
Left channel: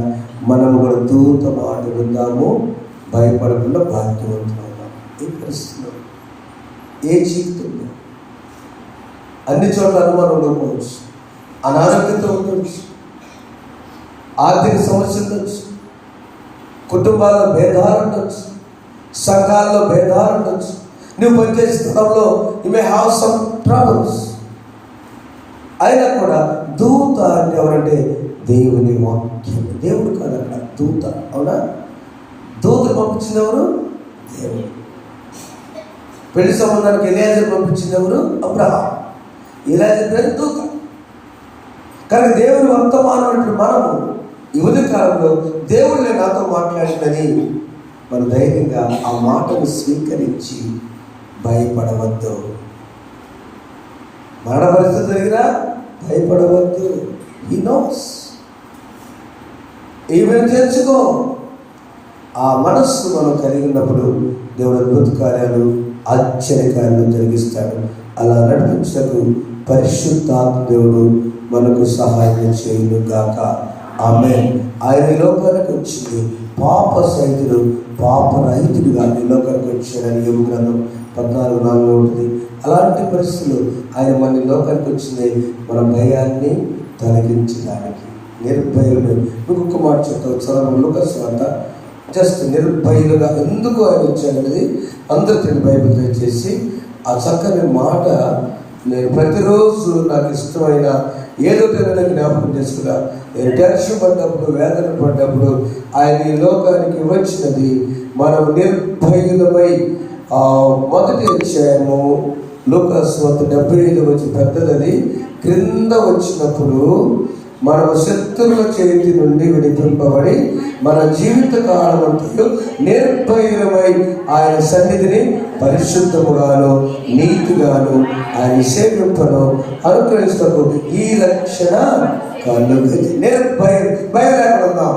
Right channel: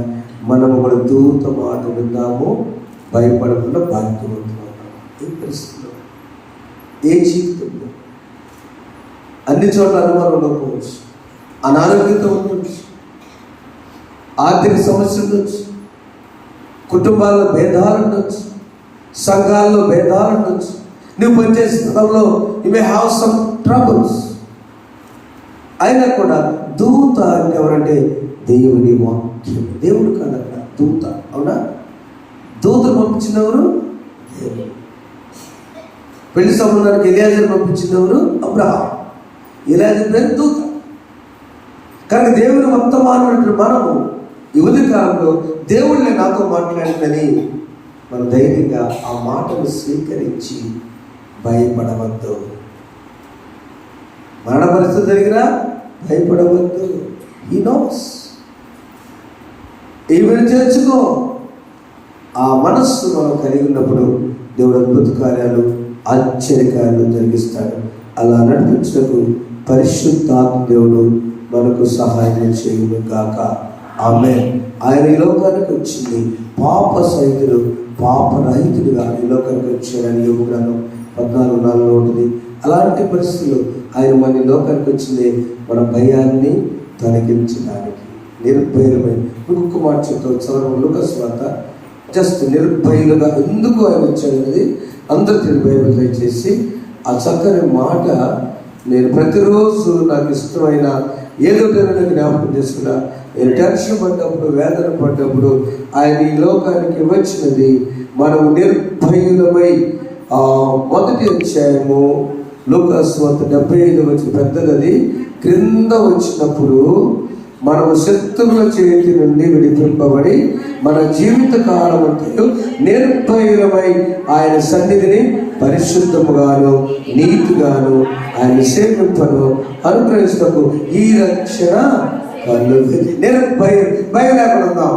మనము కూడా దూత మాట విందాము, భయపడకుండా భాగ్యవంతులు. ఏ పరిస్థితుల్లో, ఏ జీవితంలో, అన్ని చోట్ల అనుమానం ఉండకపోవచ్చు, అనారోగ్యంతో ఉండవచ్చు, ఆర్థిక సమస్యలు ఉండొచ్చు, కుటుంబాల్లో భేదాలు ఉండొచ్చు, సంఘాల్లో భేదాలు ఉండొచ్చు, నువ్వు పనిచేసే స్థలంలో you may have some troubles. అయినా కూడా దూత అంటే ఎవరంటే దేవుని వాక్యం. దేవుడు కాదన్న దూత. అవునా? దూతను పంపించింది ఎవరు? దేవుడు. పెళ్లి సంబంధానికి ఎలియాజర్ పంపించింది ఎవరు? అబ్రహాం. ఎలియాజర్ పేరు దూత. కానీ దేవుని వర్తమానం మనము ఈ ఉదయకాలంలో దేవుళ్ళే నాతో మాట్లాడిందని మనం ధైర్యంగా ఆ మాటను స్వీకరించి భయపడవద్దు. మరణ పరిస్థితి జరిగినా భయపడవద్దు. He knows. ఈమెను చేర్చుకో. ఆ మనస్సు మనం కలిగి ఉన్నప్పుడు దేవుడు అద్భుత కార్యాలు, ఆశ్చర్యకార్యాలు జరిగిస్తాడు. అలా నడిపించకు పరిశుద్ధాత్మ దేవుడు మనకు సహాయం చేయును గాక. ఆమేన్. ఆయన ఈ లోకానికి వచ్చింది పాప సహితుడు, పాప రహితుడుగా ఈ లోకానికి వచ్చాడని యోబు గ్రంథం 14:4 ఉంటుంది. అలాంటి పరిస్థితులు ఆయన మన ఈ లోకానికి వచ్చింది మన భయాన్ని తొలగించడానికి. నిర్భయులమై ఇంకొక మాట చెప్తాను. లూకాసు వార్త జస్ట్ నిర్భయులుగా ఎందుకు ఆయన వచ్చాడనేది అందరికీ బైబిల్ దయచేసి ఆ చక్కని మాట నేను ప్రతిరోజు నాకు ఇష్టమైన ఏదో జ్ఞాపకం చేసుకున్నా. నేను టెన్షన్ పడ్డప్పుడు, వేదన పడ్డప్పుడు ఆయన ఈ లోకానికి వచ్చినది మనం నిర్భయులమై. మొదటి అధ్యాయము లూకాసు వార్త 75 వచ్చి పెద్దది క్రింద వచ్చినప్పుడు మనం శత్రువుల చేతి నుండి విడిపింపబడి మన జీవిత కాలం అంతా నిర్భయులమై ఆయన సన్నిధిని పరిశుద్ధముగాను నీతిగాను ఆయన సేవింపను అనుగ్రహిస్తూ ఈ రక్షణ కలుగుతుంది. భయం లేకుండా ఉన్నాం.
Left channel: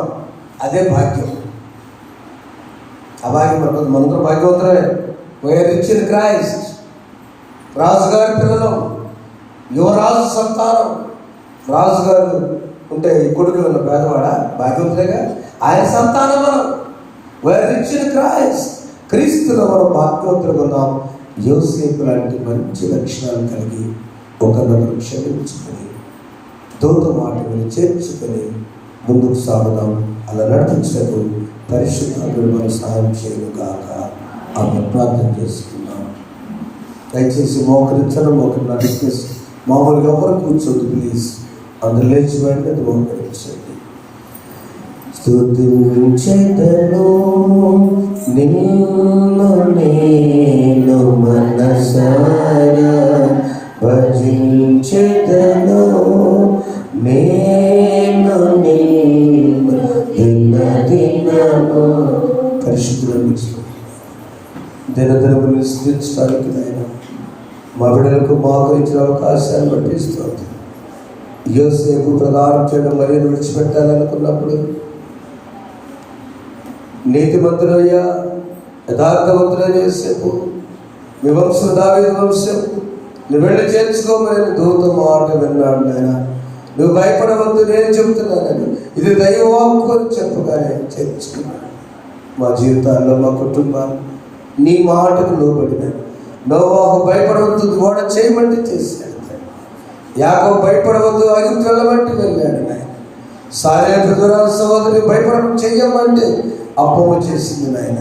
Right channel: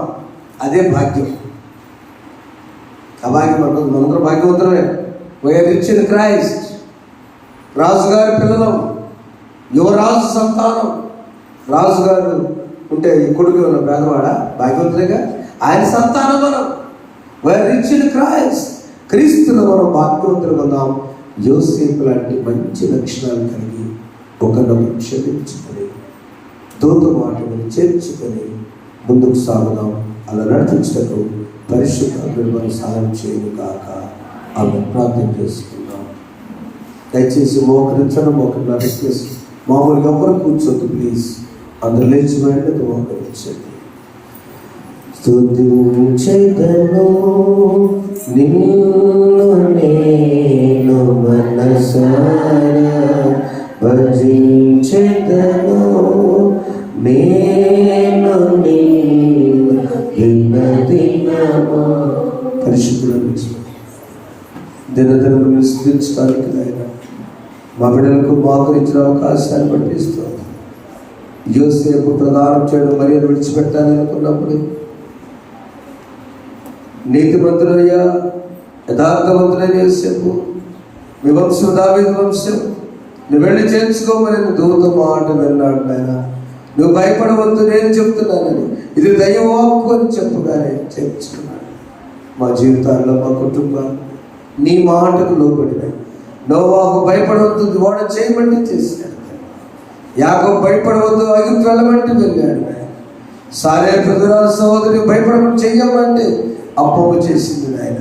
అదే భాగ్యం. ఆ భాగ్యం మనందరూ భాగ్యవంతులమే. We are rich in Christ. రాజుగారి పిల్లలు, యువరాజు సంతానం. రాజుగారు ఉంటే ఈ కొడుకు ఉన్న పేదవాడ భాగ్యవంతులేగా. ఆయన సంతానం మనం. We are rich in Christ. క్రీస్తులో మనం భాగ్యవంతులు ఉన్నాం. యోసేపు లాంటి మంచి లక్షణాలు కలిగి ఒకరినొకరు క్షమించుకొని దూత మాటలను చేర్చుకొని ముందుకు సాగుదాం. అలా నడిపించకు పరిశుద్ధాత్ముడు మనం సహాయం చేయను కాక. ఆమె ప్రార్థన చేసుకుందాం. దయచేసి మోకరించడం రిక్వెస్ట్. మామూలుగా ఎవరు కూర్చోద్దు ప్లీజ్. అందరు లేచి వెంటనే మోకరించండి. స్తుతించెదను నిన్ను నేను మనసారా, భజించెదను నేను నిన్ను దినదినము. పరిశుద్ధులను దినదినములు స్థితించడానికి ఆయన మా బిడ్డలకు మాకు ఇచ్చిన అవకాశాన్ని బట్టి ఇస్తుంది. యోసేపు ప్రదానం చేయడం మరియు విడిచిపెట్టాలనుకున్నప్పుడు నీతిమంతులయ్యా, యథార్థవంతులైన యోసేపు, మీ వంశం దావీదు వంశం, నువ్వు వెళ్ళి చేర్చుకోమని దూత మాట విన్నాడు. నాయన నువ్వు భయపడవద్దు, నేను చెప్తున్నానని, ఇది దైవవాక్కు అని చెప్పగానే చేర్చుకున్నాను. మా జీవితాల్లో, మా కుటుంబాలు నీ మాటకు లోబడినాయి. నోవాహు భయపడవద్దు, ఓడ చేయమంటే చేశాడు. యాకోబు భయపడవద్దు, అగిరికి వెళ్ళమంటే వెళ్ళాడు. నాయన సారే బ్రదరాల సహోదరి భయపడమని చెయ్యమంటే అప్పము చేసింది. నాయన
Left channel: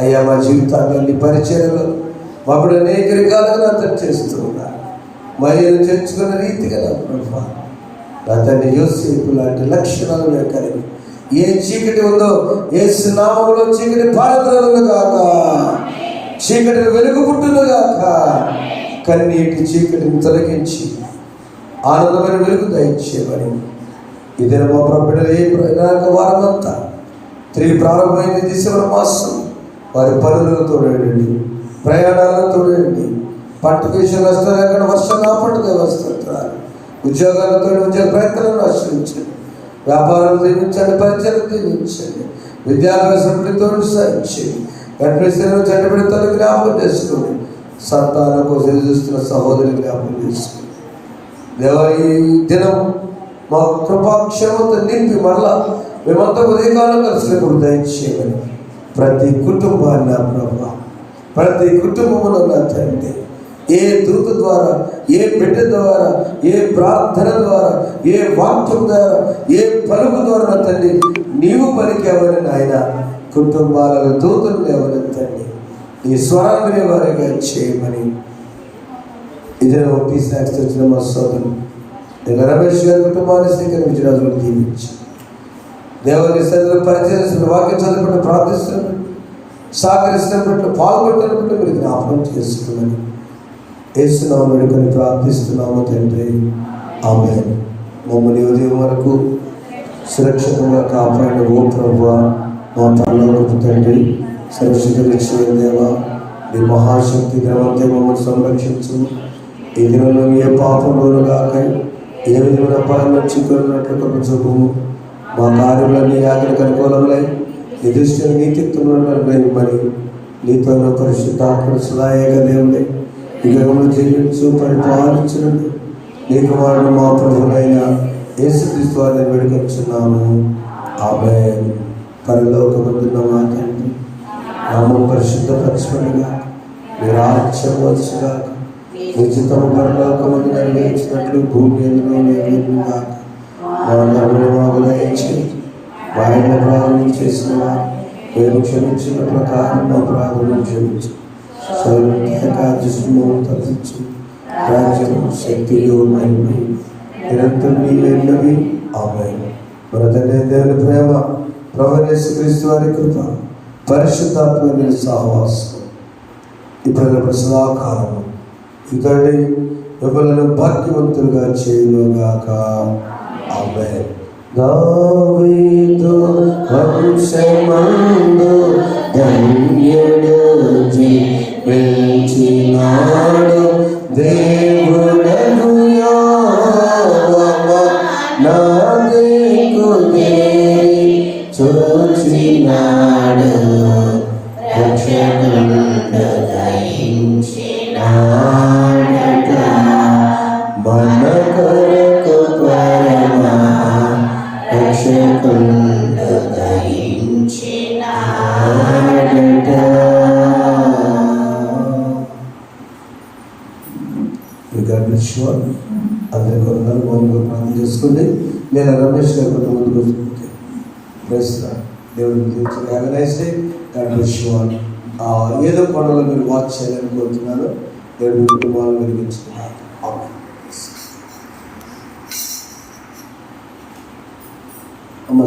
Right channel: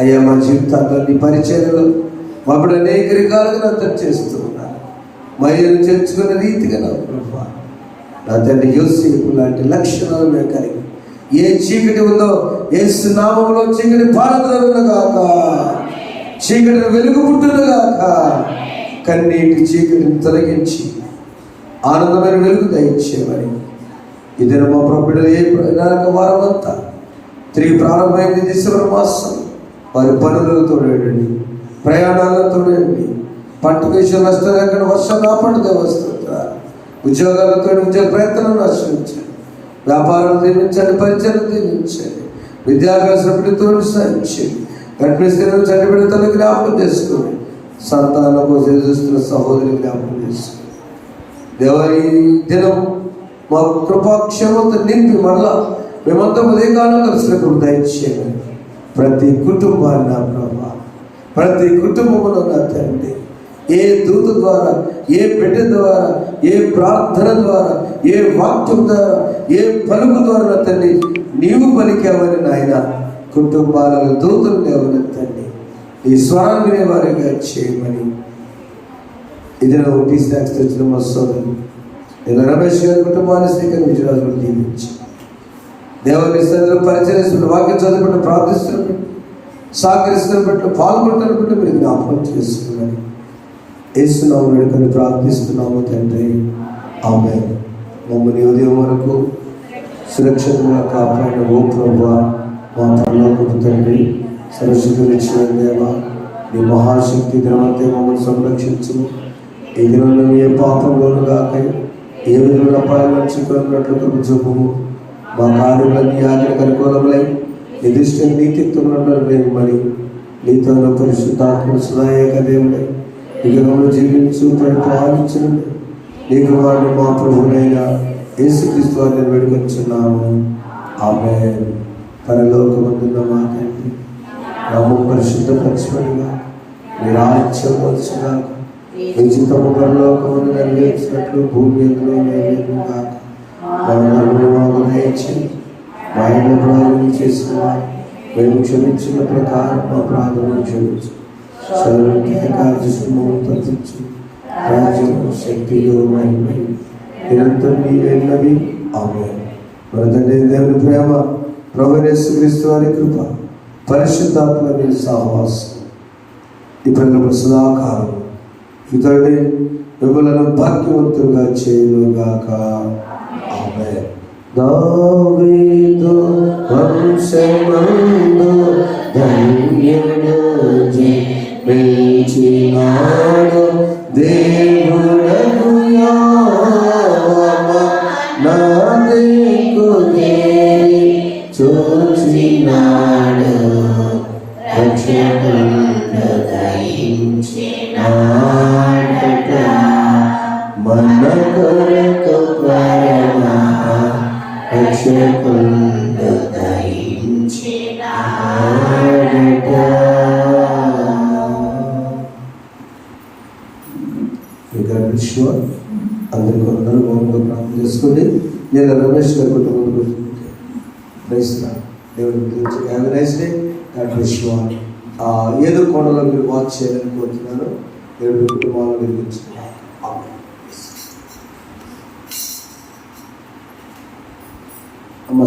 అయ్యా, మా జీవితాల్లో నీ పరిచయలు మాప్పుడు అనేక రకాలుగా అతను చేస్తూ ఉన్నారు. మహిళలు చేర్చుకున్న రీతిగా నా ప్రభా, నా తండ్రి యోసేపు లాంటి లక్షణాలు మేము కలిగి ఏ చీకటి ఉందో యేసు నామములో చీకటి పారదలను గాక, చీకటిని వెలుగు పుట్టును గాక. కన్నీటి చీకటిని తొలగించి ఆనందమైన వెలుగు దయచేయమని ఇదే మా ప్రభుడు ఏ వారం అంతా తిరిగి ప్రారంభమైంది. డిసెంబర్ మాసం వారి పనులతో తోడండి, ప్రయాణాలతో తోడండి. పంట విషయం వస్తారు, ఎక్కడ వర్షం కాపాడుగా వస్తారు. ఉద్యోగాలతో ఉద్యోగ ప్రయత్నాలను ఆశ్రయించండి. వ్యాపారం దీవించండి, పరిచయం దీవించండి. విద్యాభ్యాసంతో సాధించండి. గర్భిణీలను చండిబిడతలు జ్ఞాపకం చేసుకోండి. సంతానం కోసం చూస్తున్న సహోదరులు జ్ఞాపకం చేసుకోండి. దేవా, ఈ దినం మా కృపాక్షేమంతో నింపి మళ్ళా మేమంతా ఉదయకాలం కలిసినప్పుడు దయచేయమని ప్రతి కుటుంబాన్ని నా ప్రభా, ప్రతి కుటుంబంలో నా తండ్రి, ఏ దూత ద్వారా, ఏ బిడ్డ ద్వారా, ఏ ప్రార్థన ద్వారా, ఏ వాక్యం ద్వారా, ఏ పలుకు ద్వారా నా తండ్రి నీవు పలికావని నాయన కుటుంబాలలో దూతలు లేవని తండ్రి నీ స్వరాన్ని వారిగా చేయమని. ఇది ఒకటి స్నాక్స్ తెచ్చిన మా సోదరు నేను రమేష్ గారి కుటుంబాన్ని స్వీకరించిన రోజులు దీవించి దేవుని సన్నిధిలో పరిచయం వాక్యం చదువుకుంటూ ప్రార్థిస్తున్న సహకరిస్తున్న బిడ్డలు పాల్గొంటున్న బిడ్డలు మీరు జ్ఞాపకం చేస్తున్నామని యేసునామమున వేడుకొని ప్రార్థిస్తున్నాము తండ్రి. ఆమేన్. మమ్మల్ని ఉదయం వరకు సురక్షితంగా కాపాడిన ఓ ప్రభువా, మా పరలోకపు తండ్రి, సర్వశక్తులు ఇచ్చిన దేవా, నీ మహాశక్తి దినమంతే మమ్మల్ని సంరక్షించు. ఈ దినంలో ఏ పాపంలోనూ కాక ఏ విధమైన అపాయంలో చిక్కున్నట్లు కృప చూపుము. మా కార్యములన్నీ ఆఖరికి అనుకూలములై నిర్దిష్ట నీతిత్వంలో మరి నీతో పరిశుద్ధాత్మ సదాయక దేవుడే ఈ గతంలో జీవించు పరిపాలించు. నీకు వారిని మా ప్రభువైన యేసుక్రీస్తు వారిని వేడుకొచ్చున్నాము. ఆమేన్. పరలోకమందున్న మా తండ్రి, నామము పరిశుద్ధపరచబడుగా, నీ రాజ్యం వచ్చుగాక, నీ చిత్తము పరలోకమందు నెరవేర్చినట్లు భూమి మీదను నెరవేరుగాక. మా ధర్మము దయచేయి. మా ఇంట్లో ప్రార్థన చేసిన మేము క్షమించిన ప్రకారం మా ప్రార్థన క్షమించు. సర్వకార్యము తప్పించు. రాజ్యం, శక్తియు మహిమయు నిరంతరం నీవేనవి. ఆమేన్. మన తండ్రి దేవుని ప్రేమ, ప్రభువైన యేసుక్రీస్తు వారి కృప, పరిశుద్ధాత్మ సహవాసం ఇప్పుడు సదాకాలం ఇదండి మిమ్మల్ని భాగ్యవంతులుగా చేయనుగాక. ఆమేన్. దావీదు వంశమందు ధన్యుడు జీవించినాడు దేవుడగు యెహోవా, నా దిక్కు వేయి చూచినాడు, రక్షకుడు దయించినాడట, మన కొరకు పరమ రక్షకుడు దయించినాడట. అందరి కొందరు మౌనంగా ప్రార్థన చేసుకోండి. నేను రమేష్ గారి కుటుంబం గురించి దేవుడు ఏదో కొండలో మీరు వాచ్ చేయాలని కోరుతున్నాను. దేవుడు కుటుంబాలను వెలిగించుకున్నాను. అమ్మ